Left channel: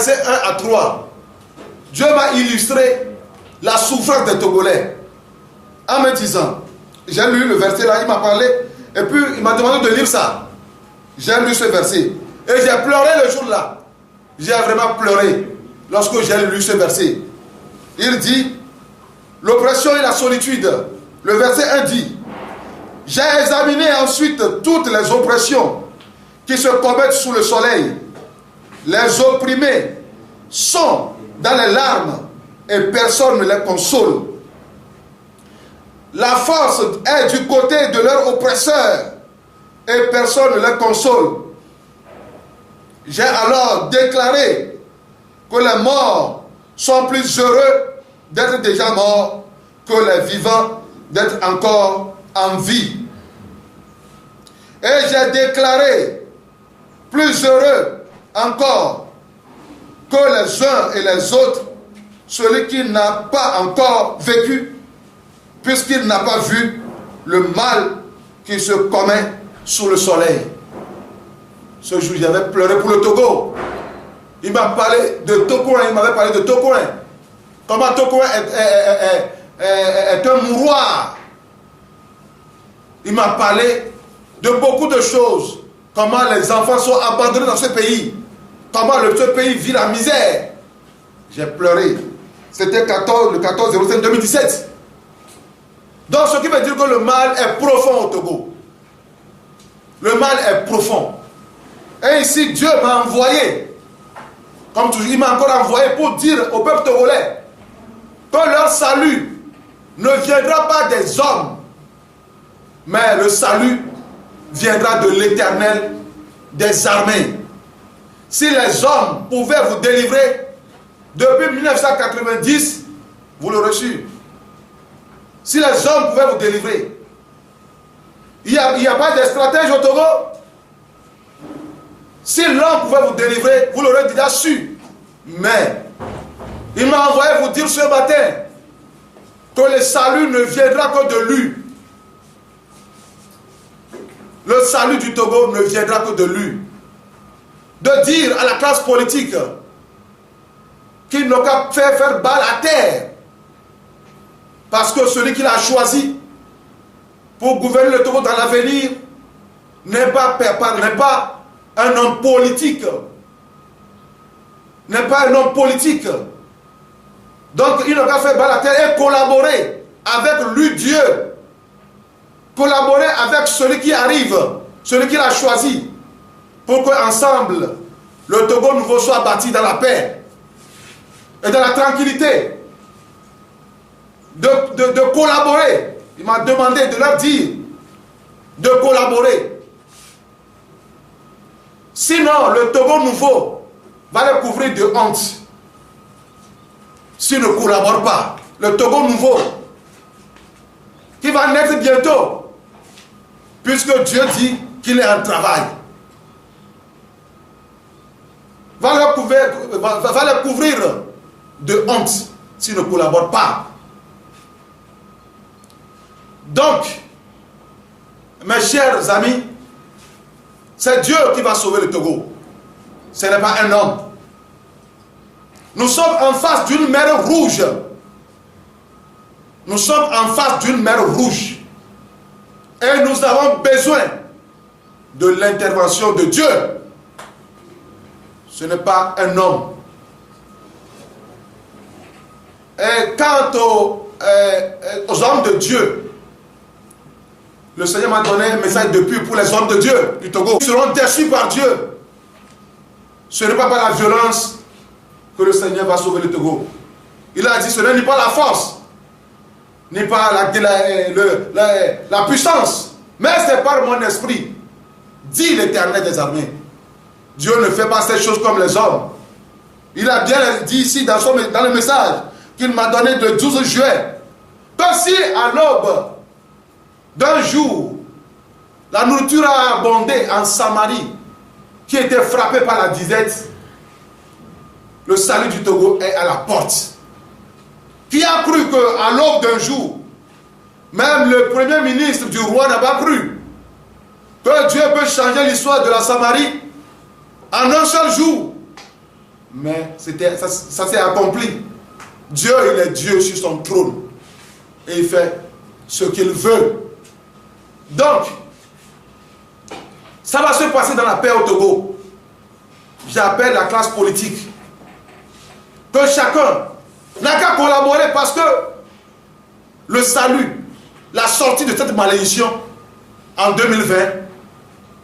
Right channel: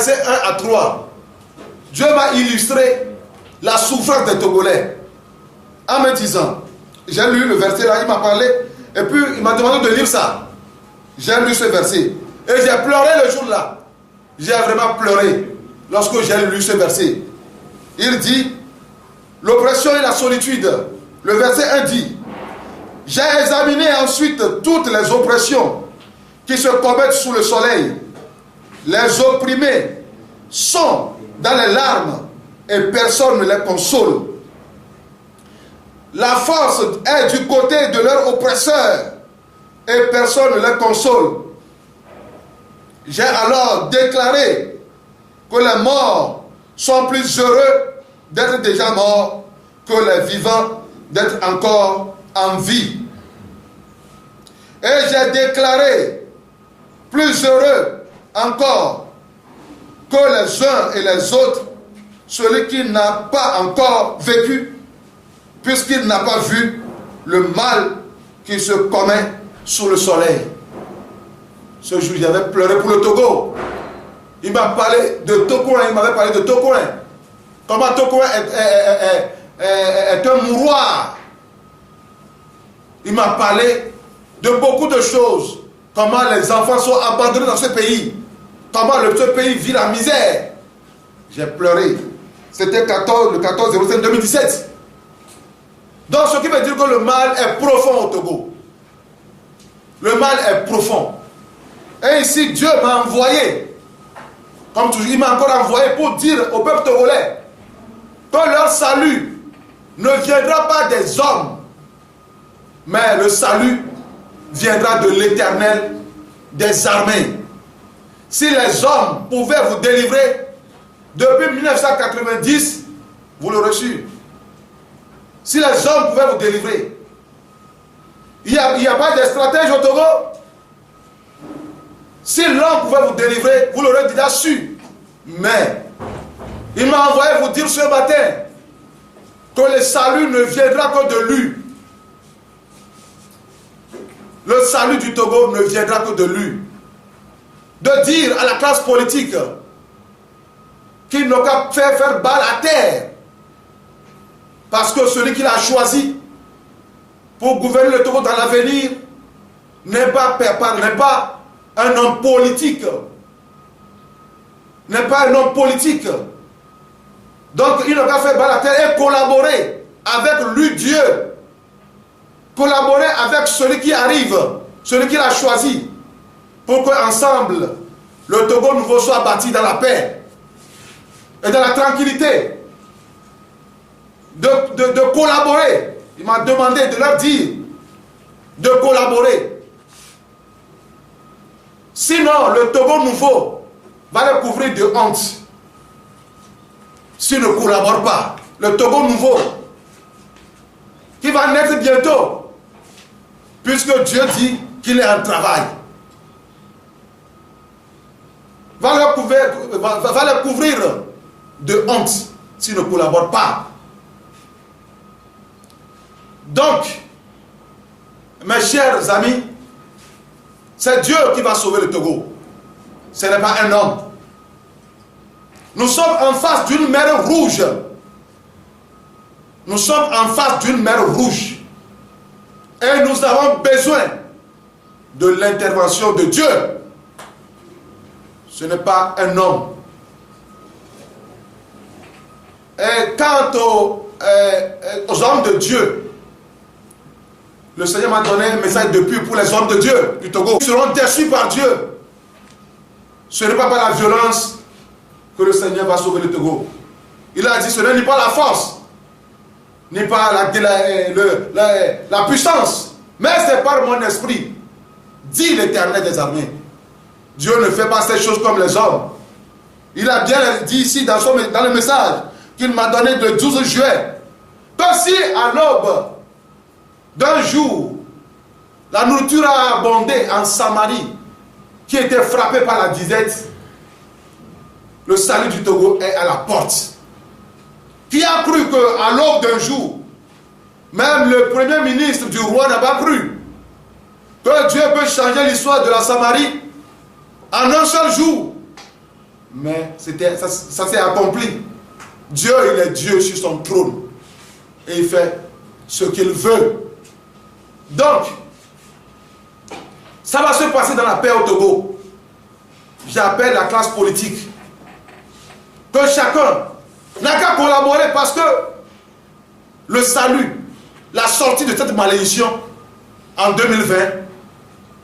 Verset 1 à 3. Dieu m'a illustré la souffrance des Togolais en me disant, j'ai lu le verset là, il m'a parlé, et puis il m'a demandé de lire ça. J'ai lu ce verset. Et j'ai pleuré le jour-là. J'ai vraiment pleuré lorsque j'ai lu ce verset. Il dit, l'oppression et la solitude. Le verset 1 dit, j'ai examiné ensuite toutes les oppressions qui se commettent sous le soleil. Les opprimés sont dans les larmes et personne ne les console. La force est du côté de leur oppresseur et personne ne les console. J'ai alors déclaré que les morts sont plus heureux d'être déjà morts que les vivants d'être encore en vie. Et j'ai déclaré plus heureux encore que les uns et les autres, celui qui n'a pas encore vécu, puisqu'il n'a pas vu le mal qui se commet sous le soleil. Ce jour, j'avais pleuré pour le Togo. Il m'a parlé de Togoin, il m'avait parlé de Togoin. Comment Togoin est un mouroir. Il m'a parlé de beaucoup de choses. Comment les enfants sont abandonnés dans ce pays. Comment ce pays vit la misère. J'ai pleuré. C'était le 14/05/2017. Donc ce qui veut dire que le mal est profond au Togo. Le mal est profond. Et ici, Dieu m'a envoyé, comme toujours, il m'a encore envoyé pour dire au peuple togolais que leur salut ne viendra pas des hommes, mais le salut viendra de l'Éternel des armées. Si les hommes pouvaient vous délivrer, depuis 1990, vous l'aurez su. Si les hommes pouvaient vous délivrer, il n'y a pas de stratège au Togo. Si l'homme pouvait vous délivrer, vous l'aurez déjà su. Mais il m'a envoyé vous dire ce matin que le salut ne viendra que de lui. Le salut du Togo ne viendra que de lui. De dire à la classe politique qu'il n'a qu'à faire balle à terre. Parce que celui qu'il a choisi pour gouverner le Togo dans l'avenir n'est pas un homme politique. N'est pas un homme politique. Donc il n'a qu'à faire balle à terre et collaborer avec lui, Dieu. Collaborer avec celui qui arrive, celui qu'il a choisi, pour qu'ensemble, le Togo nouveau soit bâti dans la paix et dans la tranquillité. De collaborer. Il m'a demandé de leur dire de collaborer. Sinon, le Togo nouveau va le couvrir de honte. S'il ne collabore pas, le Togo nouveau, qui va naître bientôt, puisque Dieu dit qu'il est en travail, va le couvrir de honte s'il ne collabore pas. Donc, mes chers amis, c'est Dieu qui va sauver le Togo. Ce n'est pas un homme. Nous sommes en face d'une mer rouge. Nous sommes en face d'une mer rouge. Et nous avons besoin de l'intervention de Dieu. Ce n'est pas un homme. Et quant aux hommes de Dieu, le Seigneur m'a donné un message depuis pour les hommes de Dieu du Togo. Ils seront déçus par Dieu. Ce n'est pas par la violence que le Seigneur va sauver le Togo. Il a dit, ce n'est ni pas la force, ni pas la puissance, mais c'est par mon esprit, dit l'Éternel des armées. Dieu ne fait pas ces choses comme les hommes. Il a bien dit ici dans le message qu'il m'a donné le 12 juillet, que si à l'aube d'un jour, la nourriture a abondé en Samarie, qui était frappée par la disette, le salut du Togo est à la porte. Qui a cru qu'à l'aube d'un jour, même le premier ministre du roi n'a pas cru que Dieu peut changer l'histoire de la Samarie en un seul jour. Mais ça s'est accompli. Dieu, il est Dieu sur son trône. Et il fait ce qu'il veut. Donc, ça va se passer dans la paix au Togo. J'appelle la classe politique. Que chacun n'a qu'à collaborer parce que le salut, la sortie de cette malédiction en 2020,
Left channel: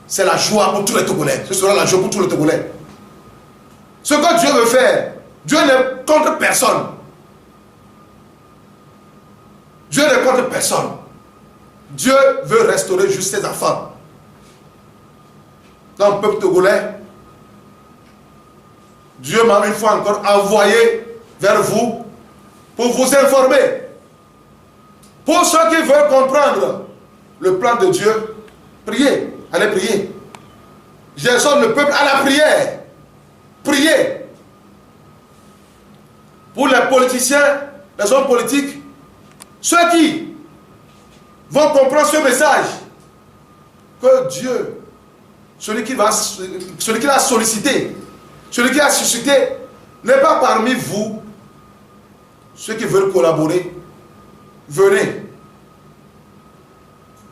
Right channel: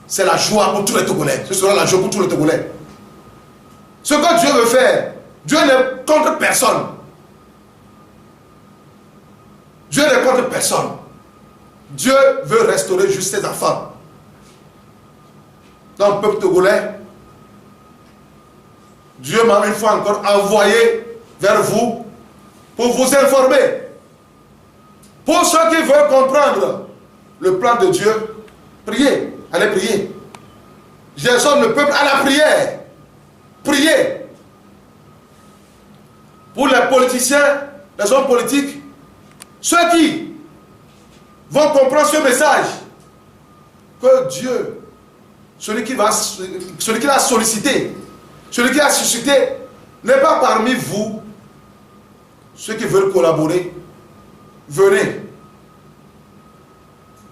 c'est la joie pour tous les Togolais. Ce sera la joie pour tous les Togolais. Ce que Dieu veut faire, Dieu n'est contre personne. Dieu n'est contre personne. Dieu veut restaurer juste ses enfants. Dans le peuple togolais, Dieu m'a une fois encore envoyé vers vous pour vous informer. Pour ceux qui veulent comprendre le plan de Dieu, priez, allez prier. J'exhorte le peuple à la prière. Priez. Pour les politiciens, les hommes politiques, ceux qui vont comprendre ce message, que Dieu, celui qui l'a sollicité, celui qui a suscité, n'est pas parmi vous. Ceux qui veulent collaborer, venez.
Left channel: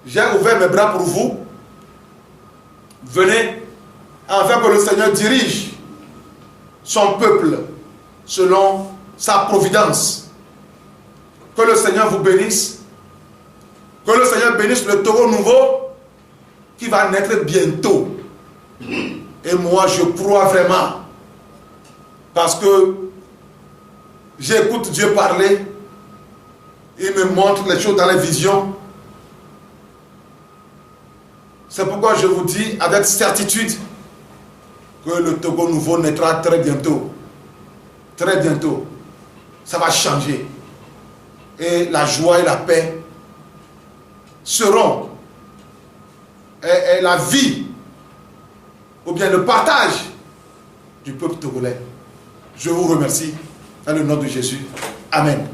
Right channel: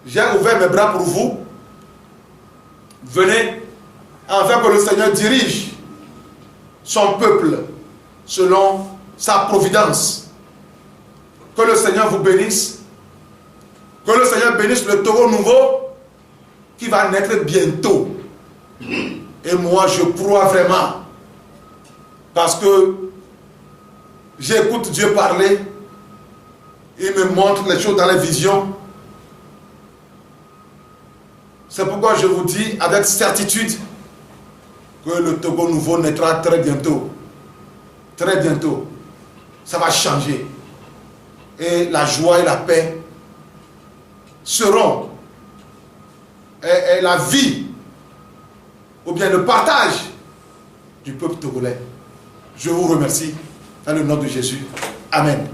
J'ai ouvert mes bras pour vous. Venez, afin que le Seigneur dirige son peuple selon sa providence. Que le Seigneur vous bénisse. Que le Seigneur bénisse le Togo nouveau qui va naître bientôt. Et moi, je crois vraiment. Parce que j'écoute Dieu parler. Il me montre les choses dans les visions. C'est pourquoi je vous dis avec certitude que le Togo nouveau naîtra très bientôt. Très bientôt. Ça va changer. Et la joie et la paix seront. Et la vie, ou bien le partage du peuple togolais. Je vous remercie dans le nom de Jésus. Amen.